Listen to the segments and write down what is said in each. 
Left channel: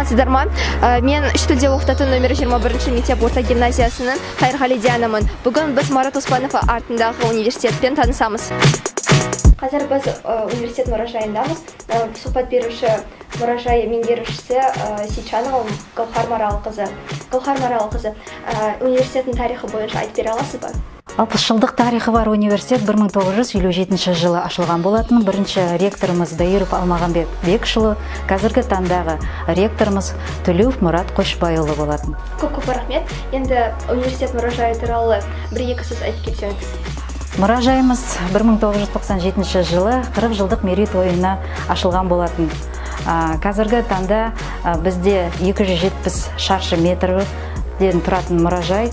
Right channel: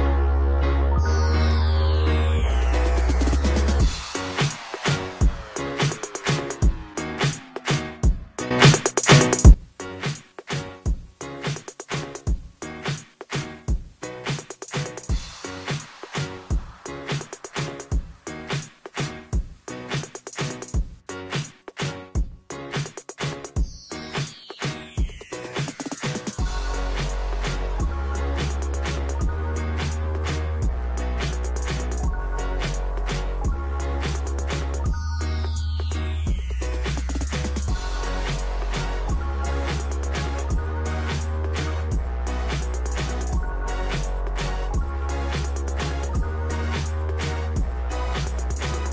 Саламатсыздар ма? Мен студия оқытатын номер 21 мектеп орта гимназиясының Қайырғали Дианамын. Бүгін біз Марат Оспанов атындағы университетпен танысамыз. Қазір біз университет мұражайындамыз. Сұхбат беруші мұражай меңгерушісі Сейчанова Гаухар Маралқызы. Гаухар Маралқызы, университеттің тарихы бойынша айтып бере аласыз ба? 60 жылдық тарихы бар университет 1957 жылы ашылған болатын. Бірінші ректорымыз Даиров Алмағамбет Бекшұлы, қазіргі таңдағы ректорымыз Төлеуов Мұрат Қошбайұлы болатын. Көп рахмет. Енді университет мұражайы туралы бір-екі сөз айтып кетсеңіз. Мұражайымыз 1997 жылы 40 жылдық мерейтойына ашылған болатын. Қазіргі таңда бізде 270 шаршы метр тұратын мұражай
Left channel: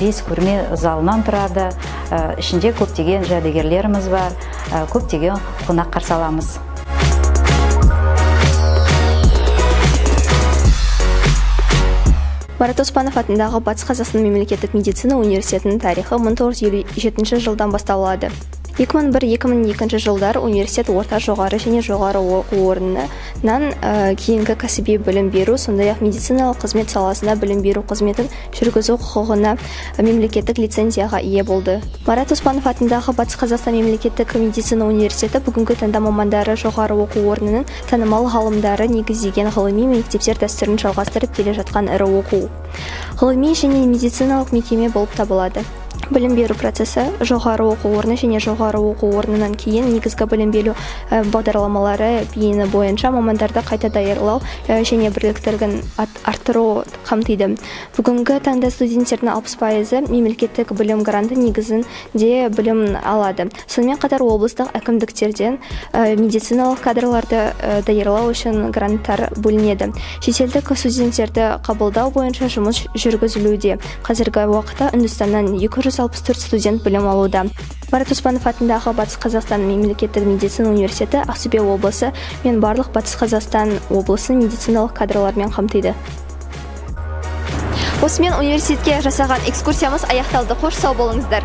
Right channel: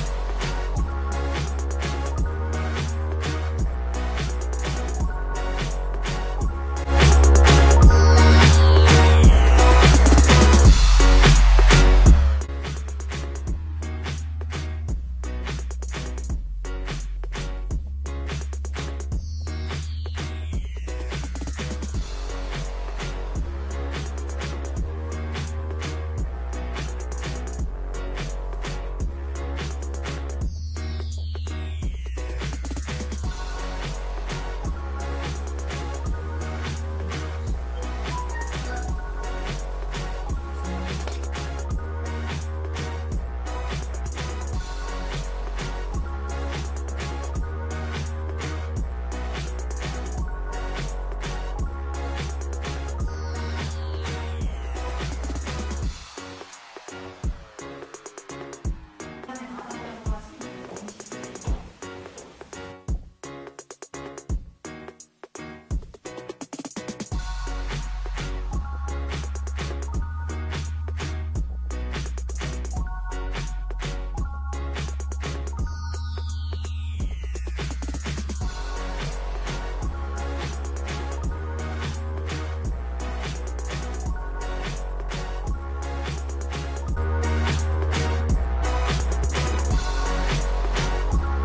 5 көрме залынан тұрады. Ішінде көптеген жәдігерлеріміз бар, көптеген қонақ қарсы аламыз. Марат Оспанов атындағы Батыс Қазақстан мемлекеттік медицина университетінің тарихы 1957 жылдан басталады. 2001-2002 жылдар университет орта жоғары және жоғары оқу орнынан кейінгі кәсіби білім беру, сондай-ақ медициналық қызмет саласына білім беру қызметін жүргізу құқығына мемлекеттік лицензияға ие болды. Марат Оспанов атындағы Батыс Қазақстан мемлекеттік медицина университеті бүгінгі таңда мамандары жоғары оқу орнының танымал ғалымдары негіздеген ғылыми мектептер дәстүрін жалғастырып келе жатқан ірі оқу. Ғылыми және медициналық мекеме болып табылады. Білім беру процесі жоғары оқу орны және жоғары оқу орнынан кейін негізгі білім беру бағдарламалары бейіні бойынша мамандарды қайта даярлау және біліктілігін арттыру қамтиды. Бүгінгі таңда студенттердің 60% мемлекеттік білім гранты негізінде білім алады. Сонымен қатар облыстық әкімдіктерден медициналық кадрларды даярлау үшін гранттар бөлінеді. Шетелдік студенттерді қабылдау бойынша жұмыс жүргізілуде. Қазіргі уақытта Үндістаннан 264 студент білім алуда. Марат Оспанов атындағы Батыс Қазақстан мемлекеттік медицина университеті Ақтөбе облысы мен барлық Батыс Қазақстан облысын медициналық кадрлармен қамтиды. Осымен университетке жасаған экскурсиямыз аяқталды. Қош сау болыңыздар.